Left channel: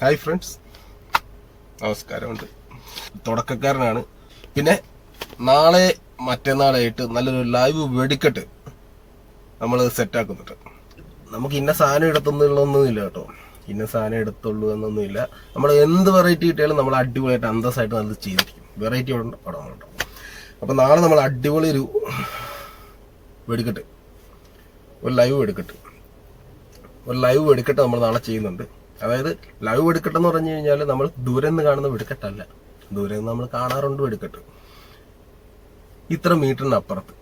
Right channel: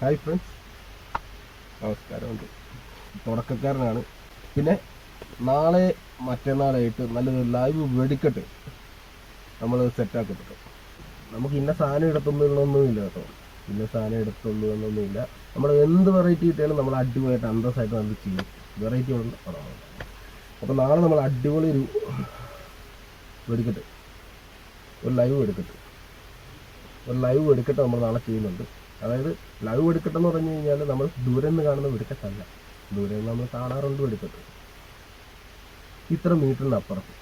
Hi friends, നമസ്കാരമുണ്ട്. തുടക്കക്കാരനാണ്. പിന്നെ നാളെ മറ്റന്നാളായിട്ട് നല്ലൊരു ലൈവ് വെടിക്കെട്ട് നമ്മൾ സെറ്റാക്കുന്നുണ്ട്. നമുക്ക് ഇന്ന സാധനം എടുത്തൊന്നുമില്ല കേട്ടോ, ഇന്ന സാധനം എടുത്തുള്ളൂ എന്നൊന്നുമില്ല. നമ്മൾ എന്ത് വെറൈറ്റി കിട്ടിയാലും നമ്മൾ അടിപൊളിയായിട്ട് അന്തസ്സായിട്ട് നല്ല ചെയ്തു വെറൈറ്റി പടമാണ്. അപ്പോൾ നാളെ നമ്മൾ അടിപൊളി ഒരു വെടിക്കെട്ട്, ഒരു ലൈവ് വെടിക്കെട്ട് നമ്മൾ നാളെ ചെയ്യുന്നുണ്ട്. അതായത് ലൈവ് വെടിക്കെട്ട് എന്ന് പറഞ്ഞു കഴിഞ്ഞാൽ നമ്മൾ ദൂരെ നിന്ന് കാണുന്ന വെടിക്കെട്ടല്ല. ദൂരെ നിന്ന് നമ്മൾ കാണാറുണ്ട് വെടിക്കെട്ട്. ഇത്ര മീറ്ററിന് അപ്പുറത്ത്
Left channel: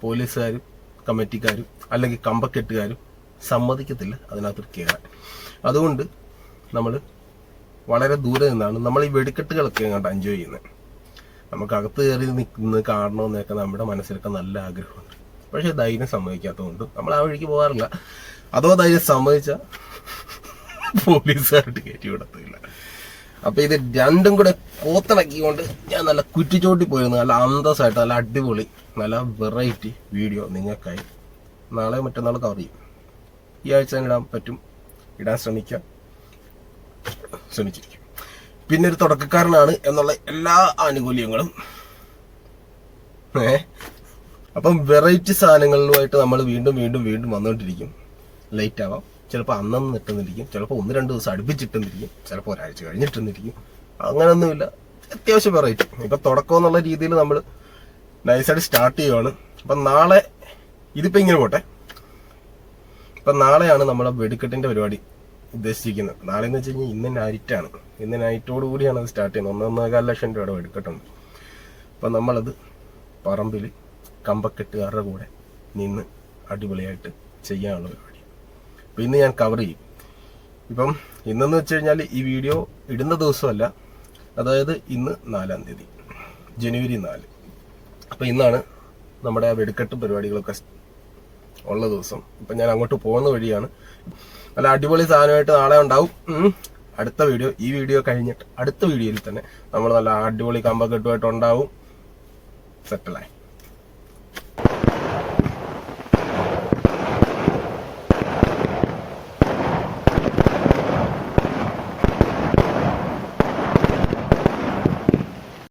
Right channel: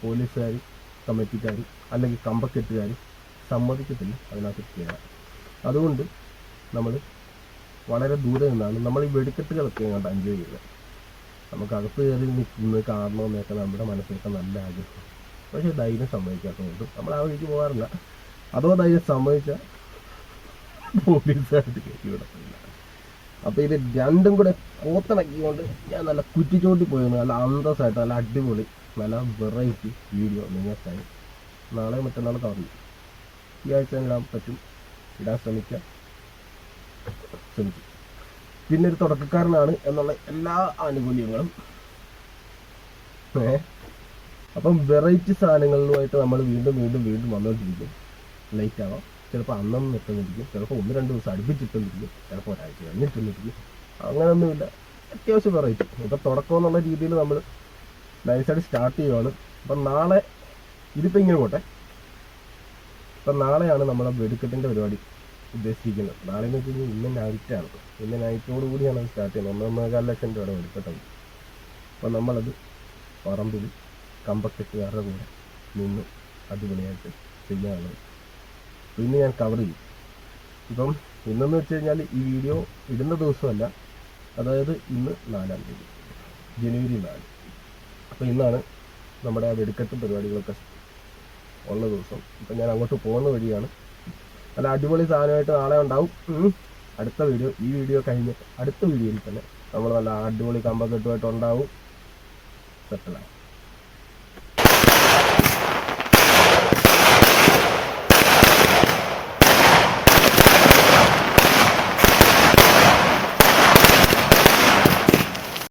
പോലീസുകാരും കമ്മിറ്റിക്കാരും അല്ലെങ്കിൽ കമ്പക്കെട്ടുകാരും സമ്മതിക്കത്തില്ല അതിനകത്ത് കയറാൻ. അതുകൊണ്ട് നമ്മൾ വളരെ ദൂരെ നിന്നാണ് നമ്മൾ ഈ വെടിക്കെട്ടുകളൊക്കെ അങ്ങോട്ട് എൻജോയ് ചെയ്യുന്നത്. നമുക്ക് അകത്ത് കയറി നിൽക്കുന്നത് കാണണമെന്നൊക്കെ നമ്മുടെ മനസ്സിലൊക്കെ നല്ല ആഗ്രഹമുണ്ട്. പക്ഷേ ധൈര്യം സമ്മതിക്കാത്തതുകൊണ്ട് നമ്മൾ ആ വഴിക്ക് പോകാറില്ല. അതോ ധൈര്യം സമ്മതിച്ചാൽ പോലീസുകാരുടെ കയറ്റി വിടത്തില്ല. അപ്പൊ ഇത് രണ്ടും കൂടെ കോത്തിണക്കിക്കൊണ്ട് ഞാൻ നല്ല കുറ്റിച്ചോട്ടി പോയിരുന്നു. നല്ല അന്തസ്സായിട്ട് നല്ല അടിപൊളി നല്ല വെറൈറ്റി വീഡിയോ നിങ്ങൾക്കായി നാളെ മറ്റന്നാളൊക്കെ അറിയും. ഈ ആഴ്ച ഇടാൻ പറ്റും, ഇടാൻ ശ്രമിച്ചിരിക്കും. പിന്നെ ഒരു തുടക്കക്കാരനാണ് എന്നുള്ള എല്ലാ ആനുകൂല്യങ്ങളും അപ്പം വെറൈറ്റി സാധനങ്ങളുമായിട്ട് നമ്മൾ വീണ്ടും വന്നുകൊണ്ടിരിക്കും. ലേറ്റ് ആവാം, ചിലപ്പോൾ അന്നൊന്നും ഇട്ടെന്നിരിക്കും, ചിലപ്പോൾ 1-2 ദിവസം അടുപ്പിച്ചിട്ടെന്നിരിക്കും, ചിലപ്പോൾ ഒരാഴ്ച കഴിഞ്ഞിട്ടെന്നിരിക്കും. അങ്ങനെയൊന്നുമില്ല, അത്യാവശ്യം വെറൈറ്റി. ഇപ്പം തുടക്കം എന്നുള്ള രീതിയിൽ നമ്മൾ നൈസായിട്ട് സ്റ്റാർട്ട് ചെയ്യുവാണ്. അപ്പം നാളെ ഇതിപ്പോൾ ഇങ്ങനെ പോട്ടെ. അപ്പം നാളെയാണ് നമ്മളെ വെടിക്കെട്ടിൻ്റെ പരിപാടി ഉദ്ദേശിക്കുന്നത്. നാളെ എന്ന് വെച്ച് കഴിഞ്ഞാൽ ഇന്ന് നൈറ്റാണ്. ഇന്ന് നൈറ്റോട് കൂടിയാണ് അത് സ്റ്റാർട്ട് ചെയ്യുന്നത്. 1.25 ലക്ഷം രൂപയുടെ വെടിക്കെട്ടുണ്ട്. അപ്പം നമ്മളത് പറമ്പിൽ കമ്പക്കെട്ടുകാരുടെ കൂടെ നിന്ന് അടിപൊളിയായിട്ട് ചെയ്യാനുള്ളത്. അപ്പം ഇന്ന് ഞാൻ കവർ ചെയ്യും. ഇപ്പം ഇന്നെന്ന് വെച്ച് കഴിഞ്ഞാൽ ഈ വീഡിയോ ഇടുന്ന ദിവസമല്ല, അതായത് ഇന്ന് 4-ാം തീയതി, ജനുവരി 4. അപ്പം ഇന്നാണ് നമ്മുടെ ആ വെടിക്കെട്ട് പരിപാടികളൊക്കെ ഉള്ള ദിവസം. ഇപ്പം ഞാൻ അങ്ങോട്ട് പോകുന്ന വഴിയാണ്. നല്ല അടിപൊളി സാധനമായിട്ട് നാളെ ഉണ്ടാവും. അടുത്ത വീഡിയോ, ഈ വീഡിയോ കഴിഞ്ഞിട്ട് അടുത്ത വീഡിയോയിൽ തന്നെ നമ്മൾ നല്ല അടിപൊളി കമ്പക്കെട്ടുമായിട്ട് ഉണ്ടാവും. സെറ്റലായി.